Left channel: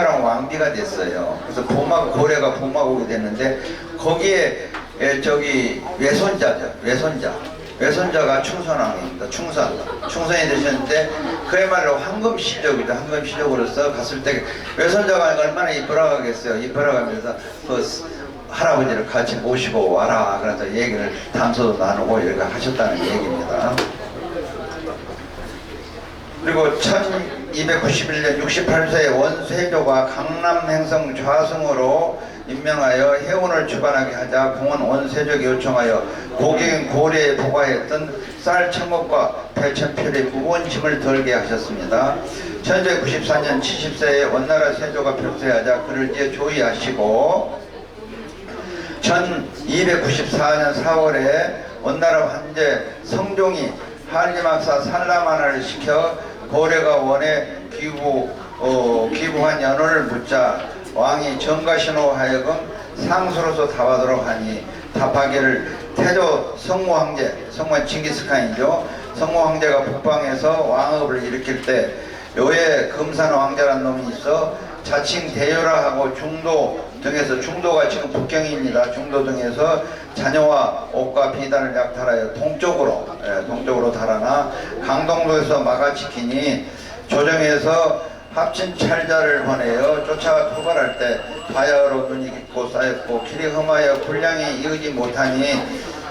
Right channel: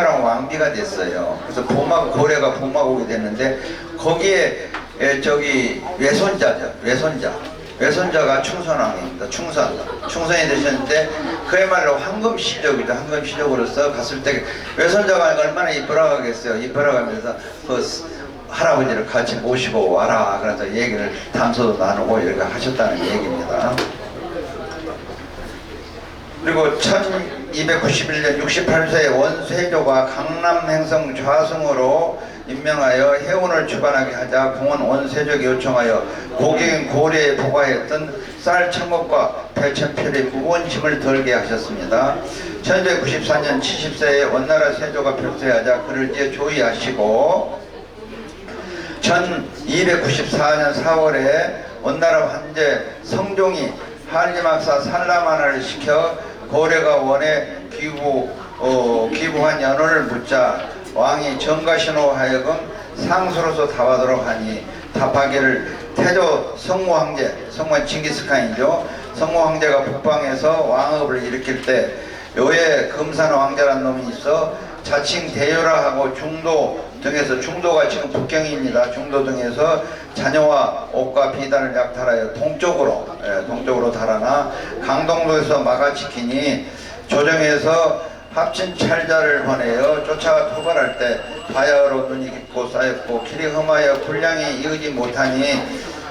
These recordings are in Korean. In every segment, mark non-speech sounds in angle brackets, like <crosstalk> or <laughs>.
랑 왕비가 됐어요. 그래서 보막 고래가 보막오게 됐는데 거기에 에, 저기 외손자죠. 외손자. 외손자가 충선왕입니다. 충선. 충선이 되셨는데 그야말로 황금 시적이죠. 황금 시적으로서 갔을 때 외손자가 얼마나. 이쁘라고 하면서 그 스- 할아버지를 같이 모시고 와라. 그래서 얘기를 담소도 나누고 이렇게 하셨다는 얘기입니다. 그리고 1291년 68세의 원세조가 강남 행성 좌승으로 임명하여 해운을 주관하게 하자 공원 원세족이 요청하여 고객인 고래에 보관했던 쌀 천국과 배천필의 짐을 덜게 하셨습니다. 1994년 70세에 원나라 세조가 별세하자 그를 이제 조의하시고 1294년 4월에 원나라 황제 성종이 한림학사 산라만을 시켜 고래가 원에 기부 어, 기부한 연호를 묻자 왕이 정가신호 하여금 상수로서 답하도록 하니 답하기를 태조 성모 황제 성모 징기스칸이죠 성모 황제가 북방에서 왕업을 일으킬 때 요에 금산 왕자란 놈이 있어 자칭 대유라 하고 중도 등에서 중도가 지금 북경입니다. 중도 등에서 자녀와 옷과 비단을 약탈하여 동쪽으로 예, 동쪽으로 달아나 강동도에서 막아 지키니 조정에서 합친 찰자를 보내어 쫓아 토발할 때 바야흐로 눈이 깊고 쌓였고 길이 험하여 분량이 이르지 못하니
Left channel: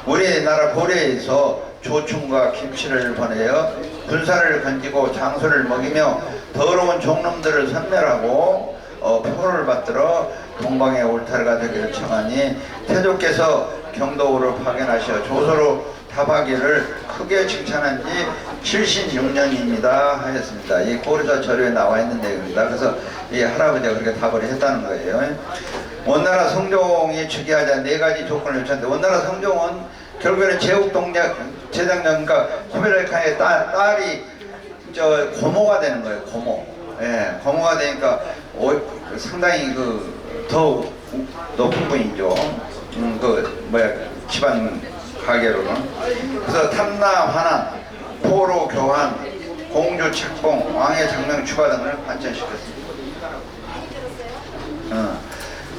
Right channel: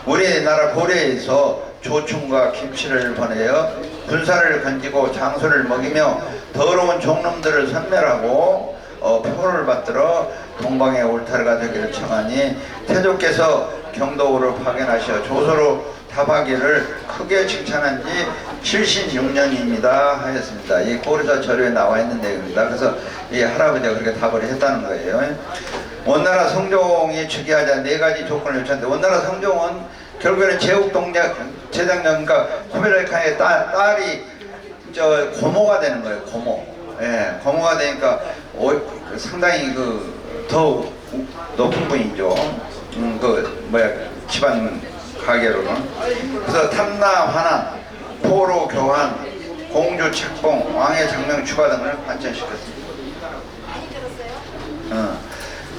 우리나라 고려에서 조충과 김치를 보내어 군사를 건지고 장소를 먹이며 더러운 종놈들을 선멸하고 어, 표를 받들어 동방의 올타르가 되기를 청하니 태조께서 경도우를 파견하셔 조서로 답하기를 크게 칭찬한 지 76년입니다 하였습니다. 이 고려사 자료에 나와 있는 내용입니다. 그래서 이 할아버지가 그렇게 답을 했다는 거예요. 원나라 성종이 즉위하자 네 가지 조건을 요청했는데 원나라 성종은 결국에는 제국동작 제장년과 코베르칸의 딸, 딸이 저 고모가 되는 거예요. 고모. 예, 고모가 되니까 오- 상당히 그 더 높은 분이죠. 음, 그 뭐야 집안 가계로는. 그래서 탐나 환한, 포로 교환, 공주 책봉, 왕의 장명 추가 등을 관천시켰습니다. 어.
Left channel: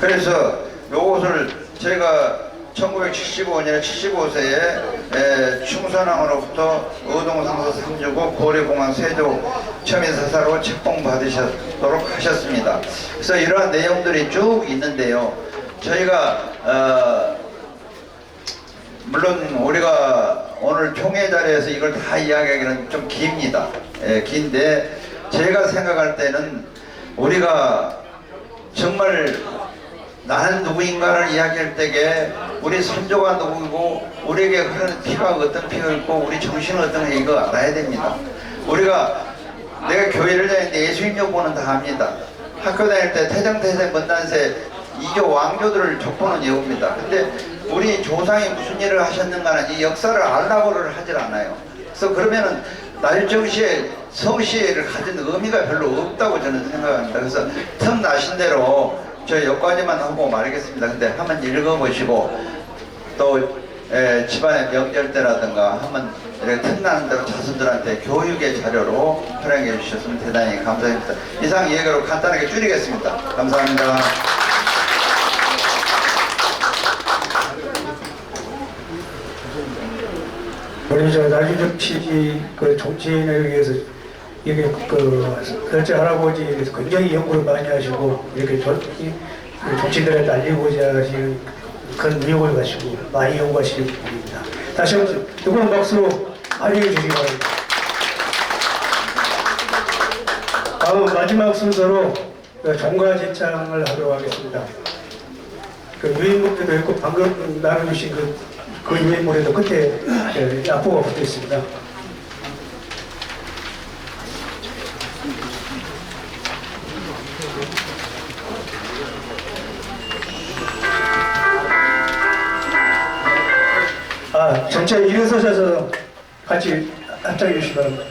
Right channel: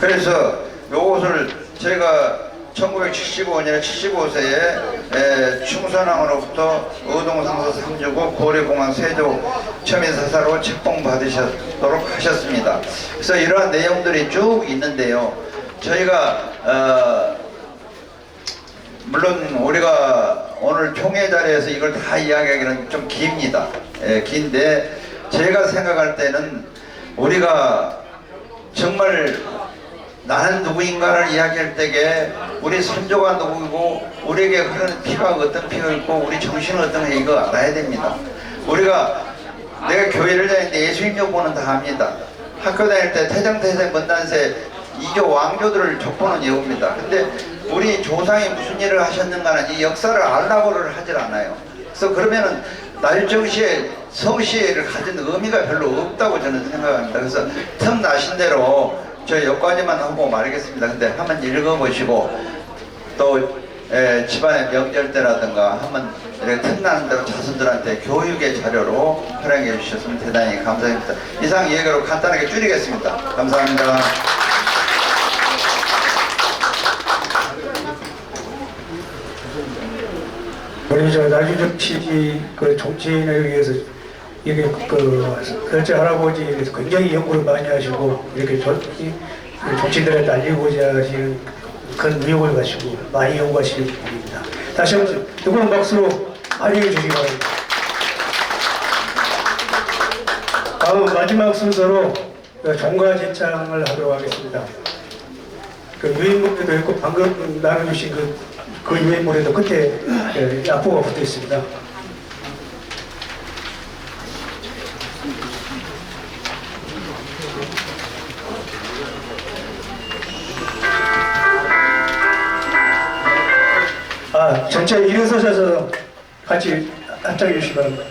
그래서 요것을 제가 1975년에 75세에 충선왕으로부터 의동상서 3주고 고려공항 세조 첨인사사로 책봉 받으셨도록 하셨습니다. 그래서 이러한 내용들이 쭉 있는데요. 저희가 어, 물론 우리가 오늘 총회 자리에서 이걸 다 이야기하기는 좀 깁니다. 예, 긴데 제가 생각할 때는 우리가 정말 나는 누구인가를 이야기할 때에 우리 선조가 누구고 우리에게 흐르는 피가 어떤 피가 있고 우리 정신은 어떤 게 이거 알아야 됩니다. 우리가 내가 교회를 다니는데 예수님 족보는 다 합니다. 학교 다닐 때 태정태세 먼단세 이조 왕조들을 족보는 외웁니다. 근데 우리 조상이 무슨 일을 하셨는가는 이 역사를 알라고를 하질 않아요. 그래서 그러면은 날정시에 성시를 가진 의미가 별로 없다고 저는 생각합니다. 그래서 틈 나신 대로 저 여기까지만 하고 말겠습니다. 근데 한번 읽어보시고 또 에, 집안의 명절 때라든가 한번 이렇게 틈나는 대로 자손들한테 교육의 자료로 활용해 주셨으면 대단히 감사합니다. 이상 얘기로 간단하게 줄이겠습니다. 감사합니다. 우리 저 나주적 시기 그 정치인을 위해서 이게 그 결제 할아버지에 대해서 굉장히 연구를 많이 하시고 이렇게 전, 이- 그 정치인들한테 알리고자 하시는 그런 의욕을 가지고 많이 연구하시는 분입니다. 다시 한번 뜨거운 박수로 환영해 주시기 바랍니다. 다음 마지막 순서로 그 종가 제창을 하도록 하겠습니다. 그 유인물에도 있고 방금 나눠주신 그, 그 유인물에도 끝에 예, 앞부가 붙어 있습니다. 아, 전체 일어서셔서 같이 합작해 주시기 바랍니다.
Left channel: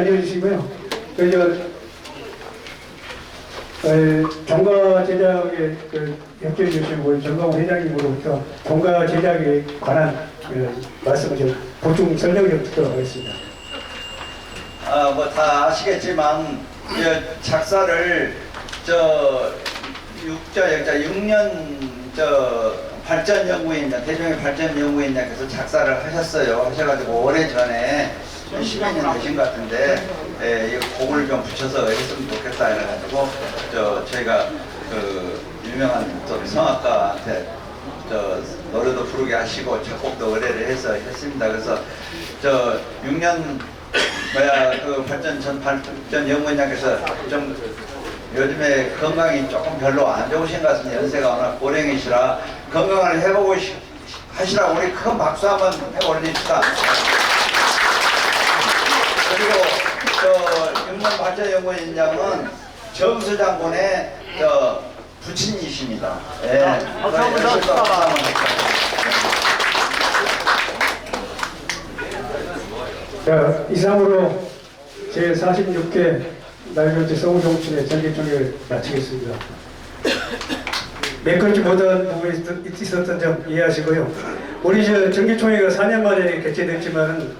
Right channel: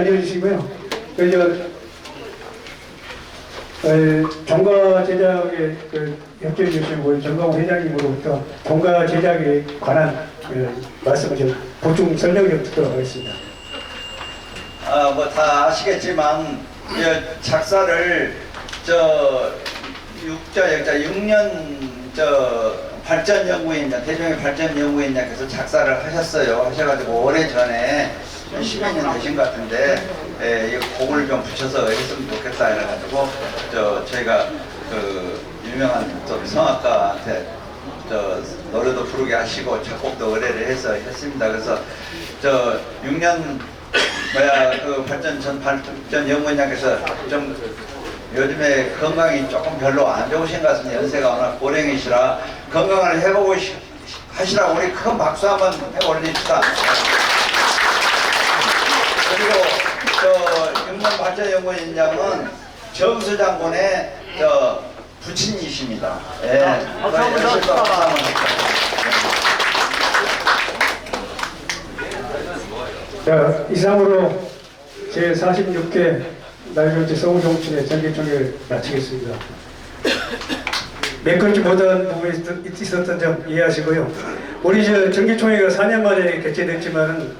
앉아주시고요. 그저 종가 제작에 그 협조해 주시고 정광호 회장님으로부터 종가 제작에 관한 그 말씀을 좀 보충 설명 좀 듣도록 하겠습니다. 아, 뭐 다 아시겠지만 이 작사를 저 육자 역자 6년 저 발전 연구인장 대종의 발전 연구인장께서 작사를 하셨어요. 하셔가지고 오래 전에 10여 년 되신 것 같은데 예, 이 곡을 좀 붙여서 했으면 좋겠다 해가지고 저 저희가 그 유명한 또 성악가한테 저 노래도 부르게 하시고 작곡도 의뢰를 해서 했습니다. 그래서 저 6년 뭐야 그 발전 전 발전 연구원장께서 좀 요즘에 건강이 조금 별로 안 좋으신 것 같은데 연세가 워낙 고령이시라 건강을 해보고 시- 하시라고 우리 큰 박수 한번 해 올립시다. 그리고 저 육년 발전 연구원장은 정수 장군의 저 부친이십니다. 예. 감사합니다. 자, 이상으로 제 46회 날조지 서울정치의 전개총회를 마치겠습니다. 몇 건지 못한 부분이 있- 있었던 점 이해하시고요. 우리 저 정기총회가 4년 만에 개최됐지만은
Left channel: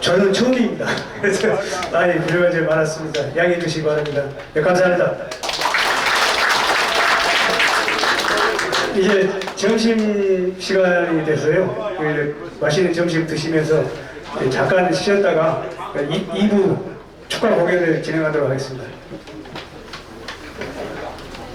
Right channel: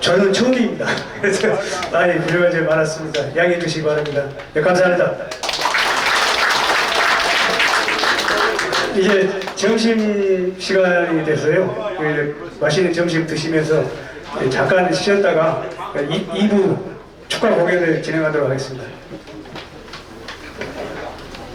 저는 처음입니다. <laughs> 그래서 많이 필요한 점이 많았습니다. 양해해 주시기 바랍니다. 네, 감사합니다. 이제 점심 시간이 돼서요. 그 맛있는 점심 드시면서 잠깐 쉬었다가 2, 부 축하 공연을 진행하도록 하겠습니다.